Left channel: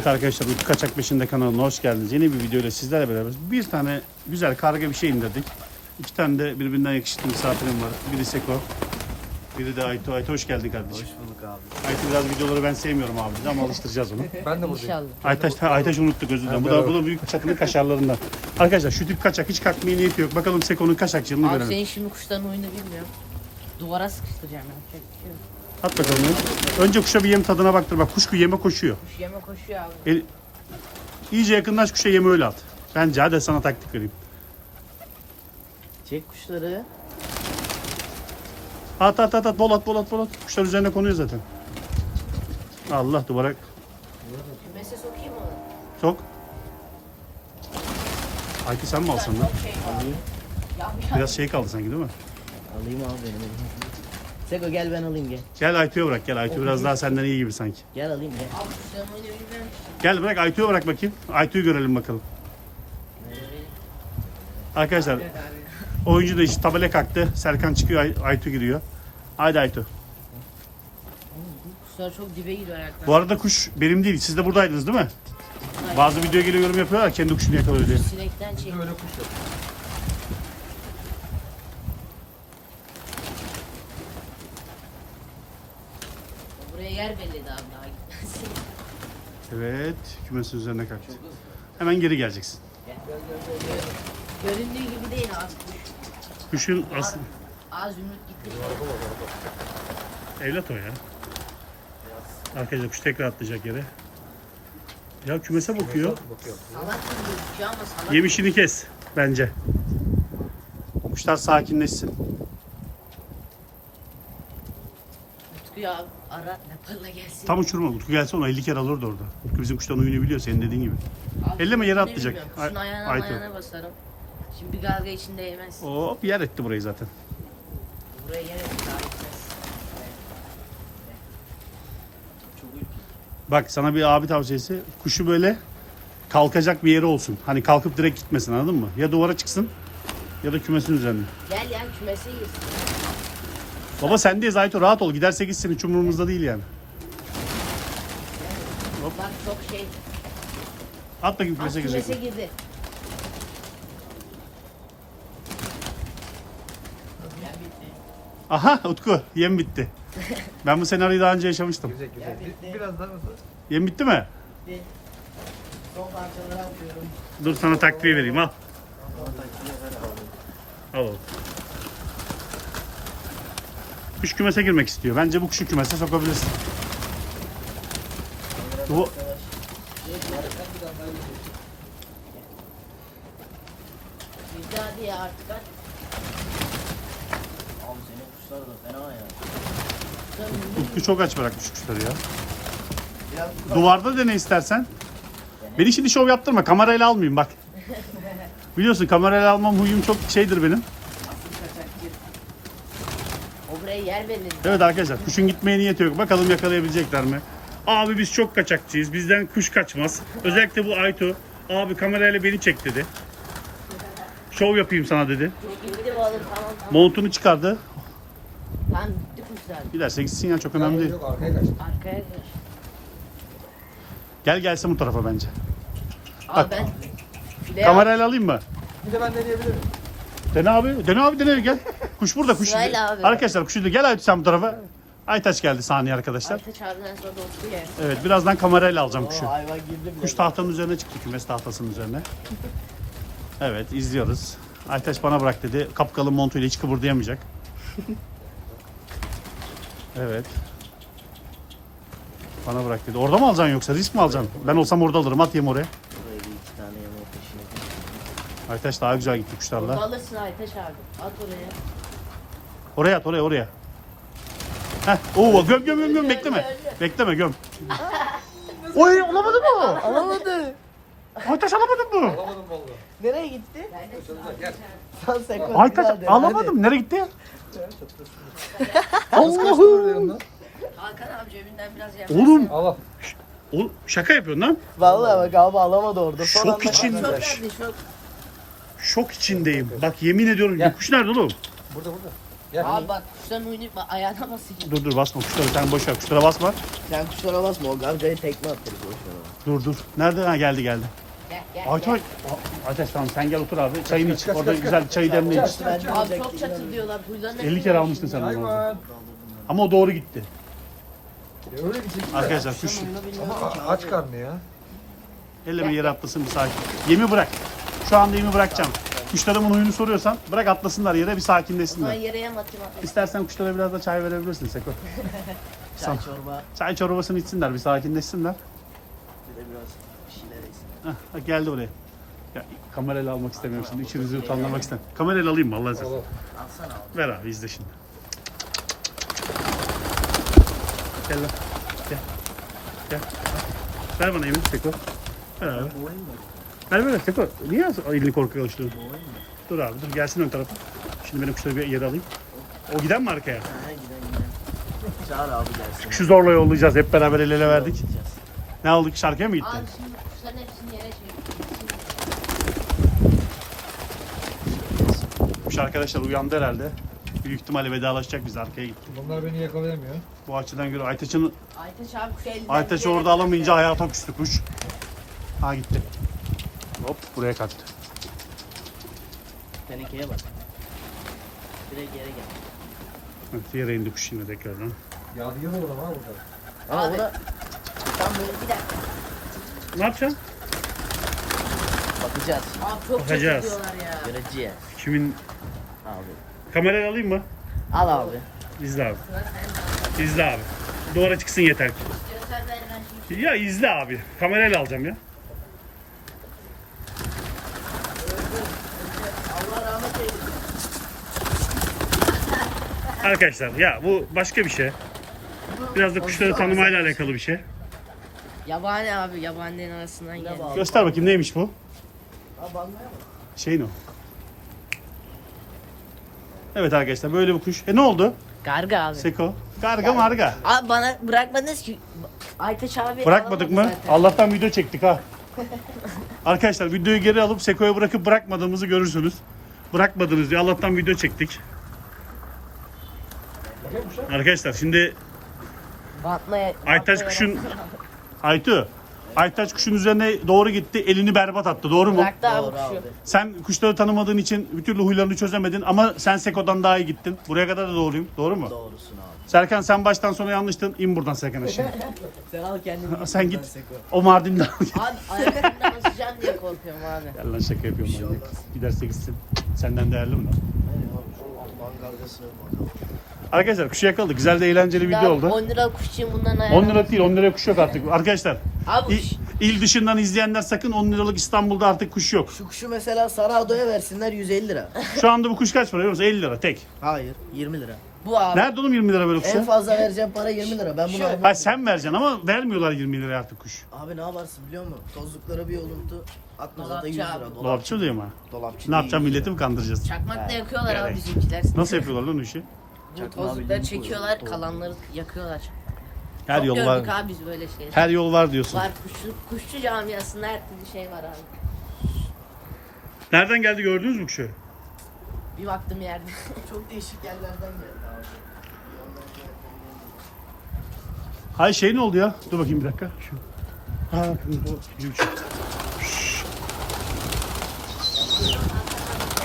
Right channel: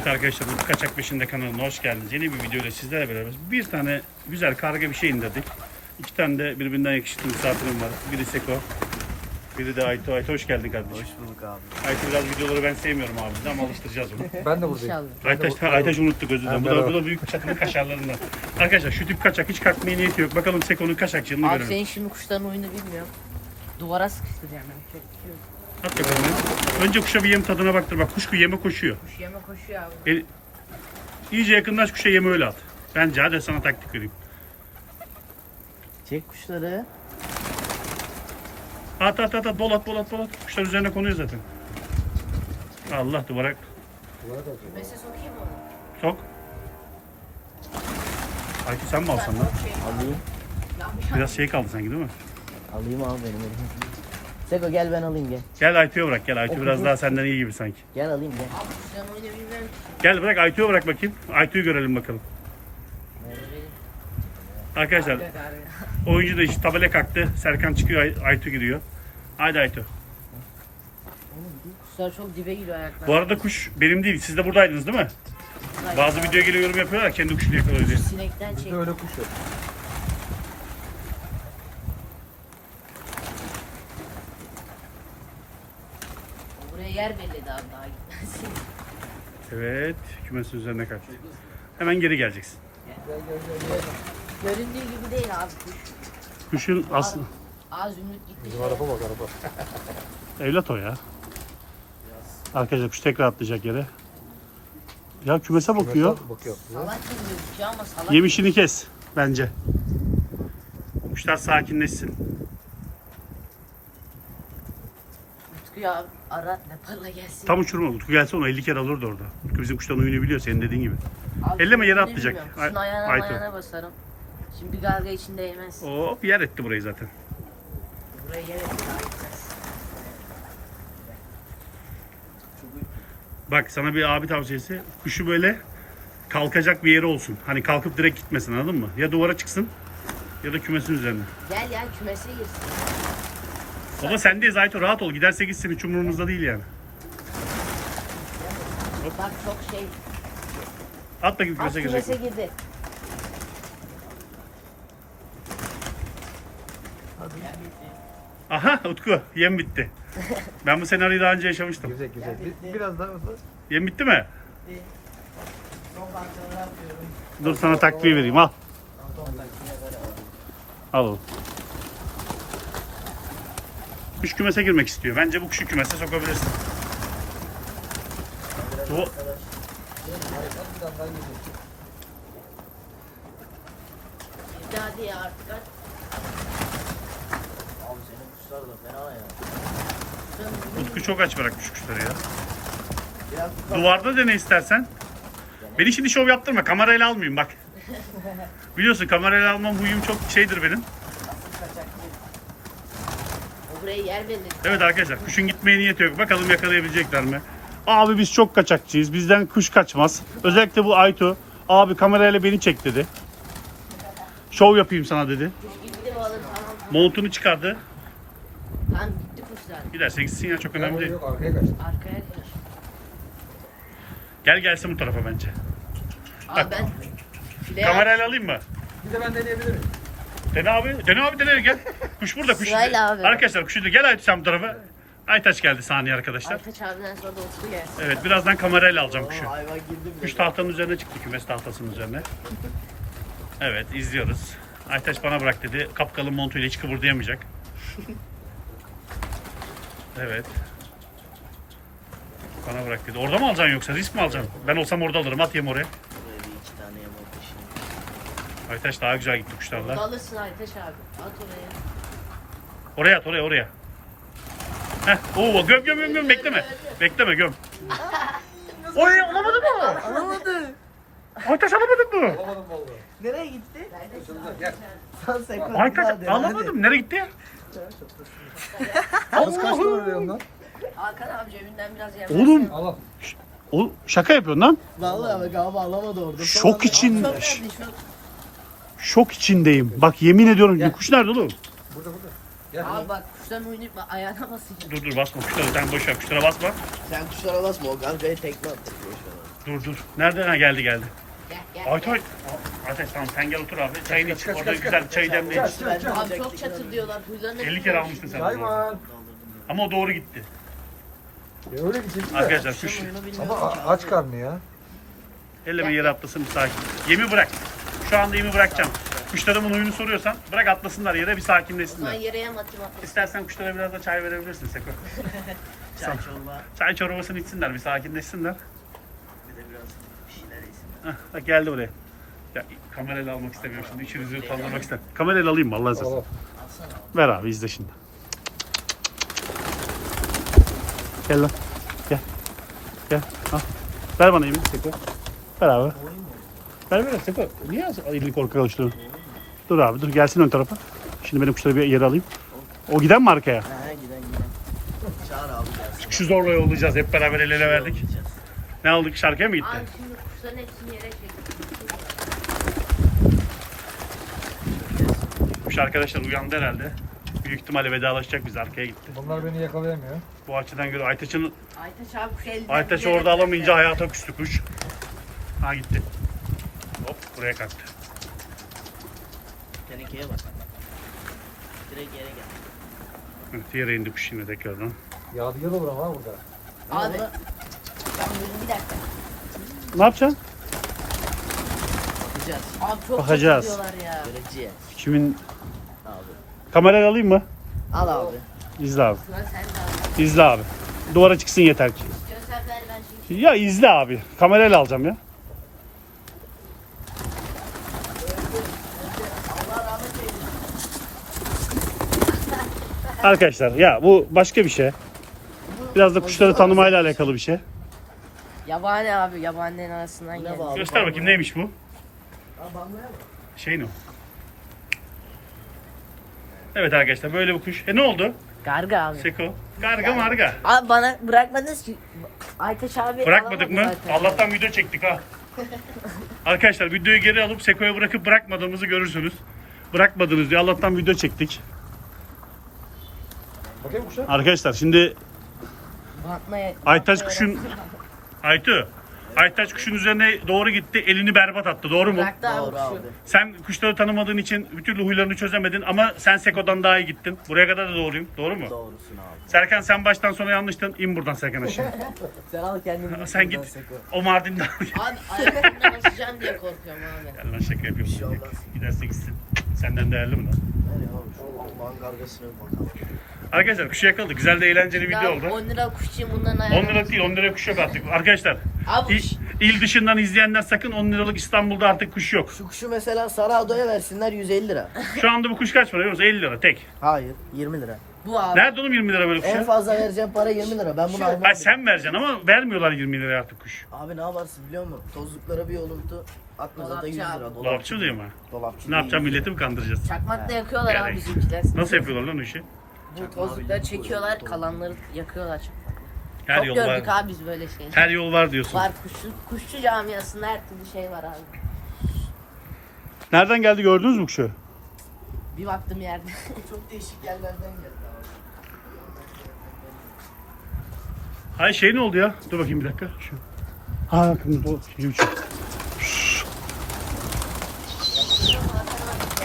Evet arkadaşlar Utku Kaçak Peşinde kanalına hoş geldiniz. Yeni bir videoyla sizlerle beraber bir tane güzel karga bir şey indirdik. İki tane de birbirinden yakışıklı misafirim var. Biri Seko, biri de Aytu. Aytu hoş geldin kardeşim. Hoş bulduk abi. Aytu biraz videoları ben sevmiyorum abi dedi ama alıştıracağız onu. Ben de İnşallah. Aytaş, ha, Aytaş unuttuk özür dilerim. Bu da, bu da büyük çakının kaşarlarından. Arkadaşlar şu tip kaçak hiç kalkmaya niyeti yok. Bakalım Seko'nun kaçakçılığını Abi görelim. senin şimdi kuşların oyunu bilmiyorum. Duvara sıkıştıracağım yapacak bir şey bakalım. ya. Önce kuşa bir yem tadına baktır. Bak kuş yeme koşuyor. Kuş yeme koşuyor abi. El, iyice yakınlaş kuşa yeme öyle at. Bence hadi sana taktik vereyim. Çek kuşları. At at at at bol at bol at bol at. Kuşlar üzerine konuyor zaten. Allah duvara Kümese sokayım mı onu? sok. Ayki sen mi alsan lan? Alayım. Biraz şey kaldı sanki değil mi? Alayım abi benim. Seko gel ben alayım gel. Gel Aytu'ya bırak gel. Aytu biraz daha senden iyi gibi sanki. Gel alayım gel. Abi oyunu. Gel bırak Aytu'ya bırak bakayım. Aytu'yu görelim bakalım. Arkadaşlar oyuncu da işte tabela kalktı. Serkan çıkıyor Ay- Aytu giriyor. Haydi Aytu. Kuşlar çok dibe giriyor ayaklar. Bu arada kuş benim değil. Siz de buradaydınız değil mi? Bazı video geliyor yorum yapıyorlar kendi kuşunu yakalıyor diye. Sinekten çek. Öyle kuş yok. Buraya yer belledi abi daha gitmez. Evet kümesin üzerine kalktı. Hemen geri geleceksin. Göründüğü gibi değil abi kuş. Kuşun aslı Az ümit gitti evlat o ya. Arkadaşlar kuş tekrar atlayacak yere. Ya kümese bakıyor. Bakıyor. Salak gibi gözüküyor ama salak. Yemişini kes bence. Kuşlar sakinleşsin. Utku'yu abi ara Nepal'la gelsin. Tam uçurma. Utku gelse onu 50 kere alırdı orada. Utku bizim kuştan oyunu biliyor senin dediğin gibi. Abi, elleme, yere atlayacak. Ay- ayağına Aytu. ayağına basarım. Şimdi bir galga içinde yemez. Hop yer etti burayı zaten. Buraya yere Bak sana bir abi tavsiyesi. Kuşu böyle kalkacak bir yeri olsun. Hani kalkıp direkt gitmesin anladın mı? Ya duvara çıksın ya da kümesin üzerine. Gel ya kümese girsin. Baba sendeyiz Ayto rahat ol. Giderse gitsin hiç umurumuzda değil yani. Bak çok şey. At bakayım Az kümese girdi. Bitti. Aha Utku yem bitti. Ben bu senaryoyu daha önce yaşamıştım. Güzel güzel. Bir, biraz daha. Yem bitti mi? Son parçaları atıyorum. Dur sana takviye vereyim al. Al oğlum. Kuş kümese girmek istiyor. Bence bu kuşu kümese sokabilirsin. Bu. Utku çok aç bırakmış kuşları ya. Duvarda dene istersen. Beni şimdi şov yaptırma. Kamerayla almayayım bak. Biliyorsun kamerayla almam huyum çok şeydir benim. Buraya yer verin. Evet arkadaşlar kuşun gitmeye niyeti yok. Bakalım yakalayabilecekler mi? Abi biz çok kaçakçıyız. Bizden kuş kaçmaz. Özellikle bu Aytu. Abi kamerayla beni çek dedi. Şov yapayım sana dedi. Montunu çıkardı. Giderse gitsin ya çok önemli değil. Gel gelsin bu tarafa bence. Şuraya Kamerayla alayım mı? Dene abi. Dene abi dene gel. Kuş burada kuş. Sırayla abi. Arkadaşlar kuşu da gel Aytu sen bu tarafa. Aytaç geldi saniye arkadaşlar. Aytaç abiden sonra. Evet birazdan kamerayla alacağım kuşu. Hayvan girdim. Kuş tahtanın üzerine çıktı kümes tahtasının üzerine. Evet izliyoruz. Aytaç bana bırak dedi. Kapkalın montuyla hiç kıpırdayamayacak. Evet. Bana bırak dedi. Orada mı alacaksın yoksa risk mi alacaksın? Ben olsam orada alırım. At yem oraya. Aytaç daha güzel gitti kuşlarla. Alırsın Aytaç abi. At oraya. Oraya at oraya oraya. Heh. Oo, göm göm göm göm bekleme. Bekleme göm. Oy olamadı mı? Alamadı. Aytaç alamadın mı? Alamadım vallahi. Nereye gitti? Kaçınıza gel. Sen sekon. Aytaç alamadım. Nereye gitti? Nasıl? Hakan abi cebinden biraz yem. Oğlum, Allah. oğlum şaka yapıyorsun lan. Vallahi bak abi alamadı orada. Son Şok anda- içinde. Çok nerede çok? Şok içindeyim. Bak yemin ediyorum. Kuş nerede oğlum? Burada burada. Gel. Abi bak kuşların oynayıp bak ayağına basıyor. Dur dur basma kuşlara sen boş ver kuşlara basma. Sen kuşlara basma o galgaya tekme attı. Dur dur. Nerede? Ha geldi geldi. Gel gel. Aytaç. Aytaç tamam sen gel otur abi. Çayını iç. Orada güzel çayı demle iç. Abi çok çatır diyorlar. Kuşların 50 kere almıştın sen onu. Hayvan. Ama o doğru gitti. Ya öyle bir çekim. Arkadaşlar kuş Ama a- aç karnı ya. elleme yere atlasın bir sakin. Yemi bırak. Şu anda yemi bırakacağım. Kuşlarımın huyunu soruyorsan bırak atlasınlar yere bir Ben sakinleşsinler. yere yem atayım. İstersen kuşlara biraz da çay verebilirsin Seko. Çay Çay çorbasını içsinler bir sakinleşsinler. Hah, bak geldi oraya. Ya, kamerayla almak istemiyorum şimdi. İçinizi utandırmak istemiyorum. Kamerayla alayım mı Allah'ın Al al. Ver abi izle şimdi. Gel lan. Gel. Gel. Al. Ver bana elini Seko. Ver abi. Ver ver Seko. Niye elini korkak alıştırdın? Dur abi dur gelsin ön tarafa. Şimdi benim kuşları bir yere alayım. O giden mi arkaya? Şu zorla yollayacağız. Hep beraber el ele verdik. Ne aldık? Şarkıya mı gitti? Abi şimdi kuşların hepsini yere çektim. Kuş arkadaşlar uyandı herhalde. Büyük ihtimalle vedalaşacak biz arkaya gitti. Bunlar beni yakalayamıyor. Bu açıdan göre Aytaç'ın Aytaç abi kuş elden. Aytaç orada alamayınca hayata küstü kuş. Ha gitti. Buraya kaçtı. Tenekeye bak. Direkt yere gel. Evet yere indi kuş yine tekrardan. Yadigar olur ama burada. Abi. Dakika. Ne yapacaksın? Bakacağız. Abi çok Bakacağız. diyorlar ya. Göreceğiz. Şimdi kamerayı alayım mı? Al abi. İzle abi. İzle abi. Duvara çıksın yeter ki. Ya izle abi. Kamerayla alacağım ya. Arkadaşlar ya bu başka bir şey. Biraz da kuşları tanımayla alakalı bir şey. Yabani abi yabanilerin arasından geldi. Göster bakayım neymiş bu? Şey ne o? Evet arkadaşlar böyle bir kuş. E ne oldu? Garga abi. Seko. Karga marga. Abi bana bırakmadınız ki. Aytaç abi Bırakmadık mı? alamadı zaten. Allah'tan video çektik ha. Arkadaşlar videoyu geri alıp Seko'ya bırakıp bırakmadığımızı görürsünüz. Bırakmadınız diye Allah'tan video çektik. Arkadaşlar şimdi Bantmaya, Aytaç kuşun Aytu Aytaç kuşun üzerine doğru gitti. Elini berbat attı. Doğru mu? Bıraktı abi Doğru kuşu. abi. Sen kuşları tanımadığın için bir türlü huylarını çözemedin ama sen Seko'dan daha iyi gittin. Buraya kadar da doğruyum. Doğru mu? Doğrusun abi. Serkan sen baştan sona yanlıştın. İn buradan Serkan aşağı. Sen al kendini. sen git. O Mardin'den al git. Abi diye korkuyorum abi. Gel lan şaka yapıyorum. manyak. Giderse gitsin. Senden değerli mi lan? Arkadaşlar kuşu yakaladık. Güzel de eğlenceli video oldu. 10 lira kuşçuyum bundan 10 ayağım. lira değil 10 lira kuş yok artık. Arkadaşlar Abi il, il dışından izleyenler sakın 10 liralık İstanbul'da artık kuş yok. Şu kuşu mesela Sarado'ya versinler 150 lira. Şu anda bu kuş kaç para biliyor musun? 50 lira tek. Hayır 20 lira. Bu abi. Nerede oğlum 20 lira böyle En kuşa? fazla vereceğim para 20 lira. Ben bunu almam. Ha, sen vereceksin ama vermiyorlar 20 liraya artık kuş. Abi ne yaparsın biliyor musun? Tozluklara bir yoluntu atma zaten 100 Dolapçı lira. abi. Dolapçı diyor mu? Dolapçı Ne değil, yapacağım 100 lira. milleti mi kandıracağız? Çakmakla yakıyorlar Yani. abi bizimkiler. Nasıl yapıyorlar lan o işi? Bu tozlukları çekiyorlar kalanları yakıyorlar çakmakla. Her Çok yol gördük var. abi biz böyle şey. Her yol var diyorsun. Var kuşçu, kuşçu camiasında her türlü şey var abi. Nereden geldi gördünüz mü kuşu? Bir baktım yerde. Çok değişik yerlerden geldi abi. Hay şey ne oldu ya? Dur bakayım bir dakika. Şu. Ha kırmızı o. Şimdi şu. Şşş.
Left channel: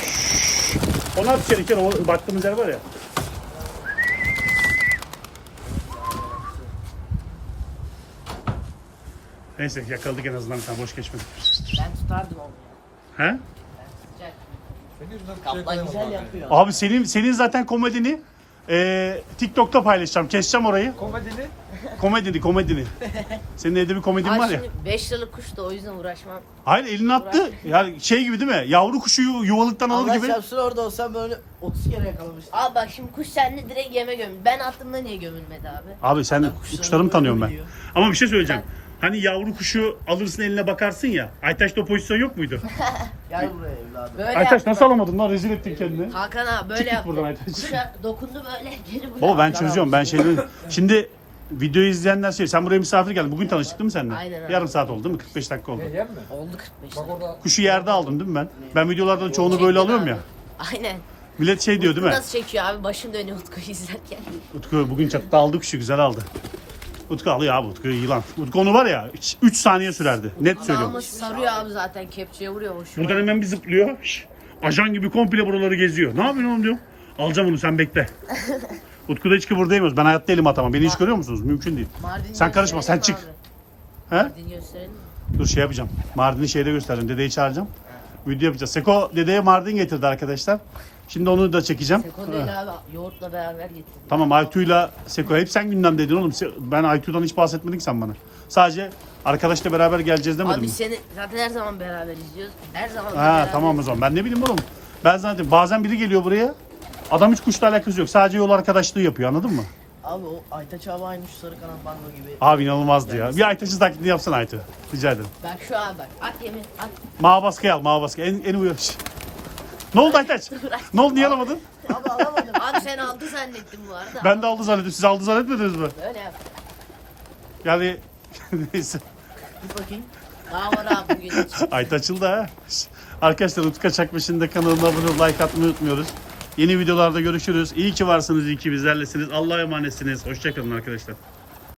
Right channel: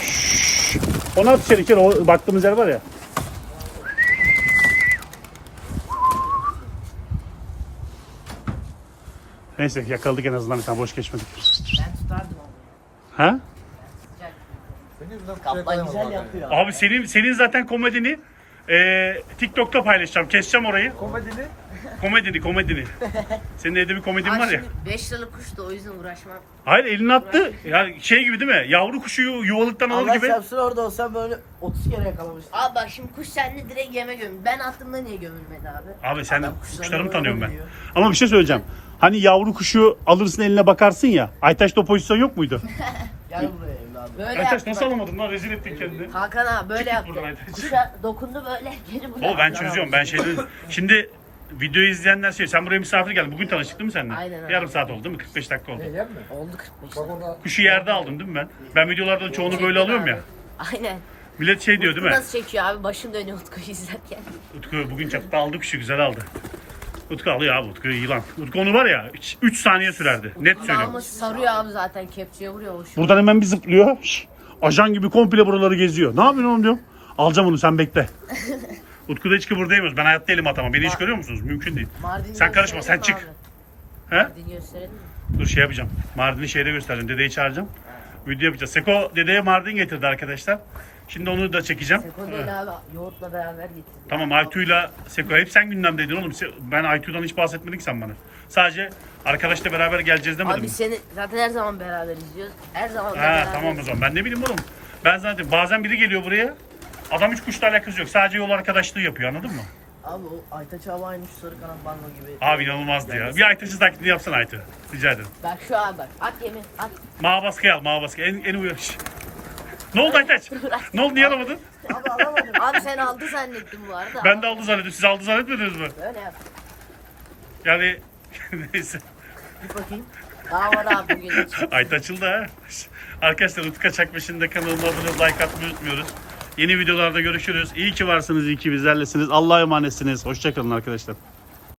Şşş. O baktığımız yer var ya. Neyse yakaladık en azından bir tane boş geçmedik. ben tutardım onu ya. Ha? Senin yüzünden güzel yapıyor. Abi senin senin zaten komedini e, TikTok'ta paylaşacağım. Keseceğim orayı. Komedini Komedini, komedini. Senin evde bir komedin var ya. 5 liralık kuş da o yüzden uğraşmam. Hayır elini attı. Yani şey gibi değil mi? Yavru kuşu yu- yuvalıktan alır Allah gibi. çarpsın orada olsam böyle 30 kere yakalamıştım. Abi bak şimdi kuş sende direkt yeme gömül. Ben attığımda niye gömülmedi abi? Abi sen Adam kuşlarını kuşlarımı tanıyorum ben. biliyor. Ama bir şey söyleyeceğim. Hani yavru kuşu alırsın eline bakarsın ya. Aytaş'ta o pozisyon yok muydu? Gel buraya evladım. Böyle Aytaş yaptı. nasıl alamadın lan? Rezil ettin kendini. Hakan abi böyle Çık git yaptı. buradan Aytaç. Kuşa dokundu böyle geri bıraktı. O ben çözüyorum. Ben şeyleri... Şimdi videoyu izleyenler şey. Sen buraya misafir geldin. Bugün tanıştık değil mi seninle? Aynen abi. Yarım saat oldu değil mi? 45 dakika oldu. Ne yem mi? Oldu 45 Bak orada Kuşu yerde aldın değil mi ben? Ben videolarda çoğunu böyle alıyorum ya. Aynen. Millet şey diyor değil mi? Nasıl çekiyor abi? Başım dönüyor Utku'yu izlerken. Utku bugün çatıda aldı kuşu güzel aldı. Utku alıyor abi Utku yılan. Utku onu var ya 3 saniye sürerdi. Net söylüyorum. Ama sarıyor abi zaten kepçeye vuruyor hoş. Buradan hemen bir zıplıyor. Şş, ajan gibi komple buraları geziyor. Ne yapıyorsun oğlum diyorum. Alacağım onu sen bekle. Utku da hiç kıvırdayamıyoruz. Ben hayatta elim atamam. Beni hiç görüyor musunuz? Mümkün değil. Mardin Sen karışma, sen çık. He? Mardin gösterelim mi? Dur şey yapacağım. Mardin'i şeyde göstereceğim. Dedeyi çağıracağım. Video yapacağız. Seko dedeye Mardin getirdi arkadaşlar. Şimdi onu da çekeceğim. Seko abi yoğurtla beraber getirdi. Tamam Aytu'yla Seko hep sen gündemdeydin oğlum. Se- Ben Aytu'dan hiç bahsetmedin ki sen bana. Sadece arkadaşla beraber geleceğiz demedim Abi mi? seni zaten her zaman beraber izliyoruz. Her zaman da Ha beraber. tamam o zaman. Ben ne bileyim oğlum. Ben zaten bazen biri geliyor buraya. Adam hiç kuşla alakası yok. Sadece yol arkadaşlığı yapıyor anladın mı? Abi o Aytaç abi aynı şu sarı kanat bango gibi. Abi inanılmazdı ya. Bir Aytaç'ın taklidi yapsana Aytu. Rica ederim. Bak şu an bak. At yemi at. Mağa baskı al, mağa baskı. En, en uyarış. Ne oldu Aytaç? ne oldu niye alamadın? Abi alamadım. Abi sen aldı zannettim bu arada. Ben de aldı zannettim. Siz aldı zannetmediniz mi? Böyle yaptı. Yani neyse. Bir bakayım. Daha var abi bugün için. Aytaç açıldı ha. Arkadaşlar Utku Kaçakbeş'in de kanalına abone olup like atmayı unutmuyoruz. Yeni videolarda görüşürüz. İyi ki varsınız, iyi ki bizlerlesiniz. Allah'a emanetsiniz. Hoşçakalın arkadaşlar.